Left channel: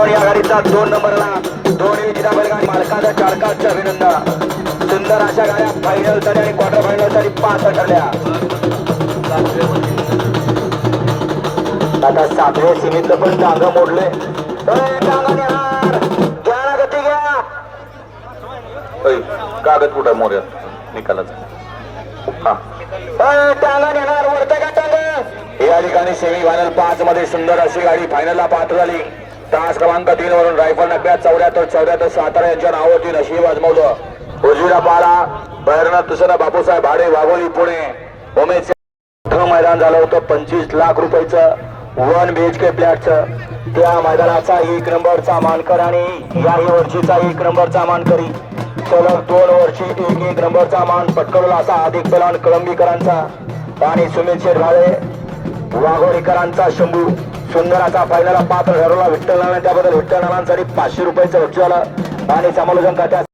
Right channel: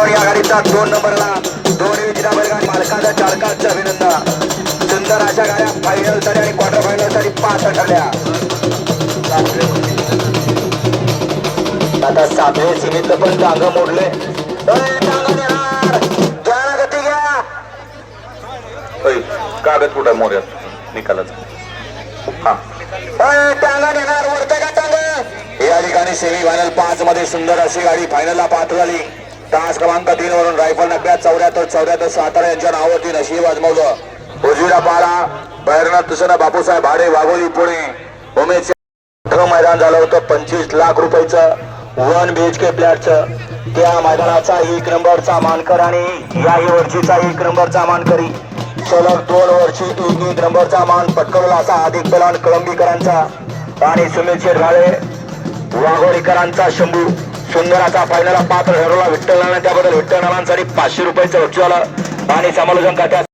पलवान या गाडीचा दोन नंबरला दोन विजेता बैलगाडी मालकाचा अभिनंदन. सुंदर अशा गाड्या आणि क्वार्टर पाच ठरल्या आता सीमित पण मोडले कागद कुठं मोऱ्या निकालाचा हा. या ठिकाणी सेमी फायनल पाच मध्ये सुंदर अशी गाडी फायनलला पात्र झाली. तास क्रमांक तीन वरून रायफल नब्यात चौऱ्याहत्तर चौऱ्याहत्तर सातारा यांच्या नावावरती नशीब आजमावलं. उजवीला पाला बैरनाथ दुसरा बापूसाहेब भाडे वाघोली पुणे. उमेश मोठं मैदान झालं होतं पंचवीस लाख रुपयाचं वन बी एच के फ्लॅटचं त्या मैदानाचा एक नंबरचा मानकर आणि याही वर्षीचा एक नंबरचा मानकरी. सलग दोन वर्षी एक एक नंबरचा मान पटकवला असा अधिक पलान कळंबीकरांचा. आणि सुनील शेरगाळे वाघोरीकरांचा शंभू. सुंदर असा फायनलला पात्र ठरवला विठ्ठल नाना त्याबद्दल विठ्ठल नानांसाठी पाचशे रुपयाचं वरची आणि समालोचन खात्यात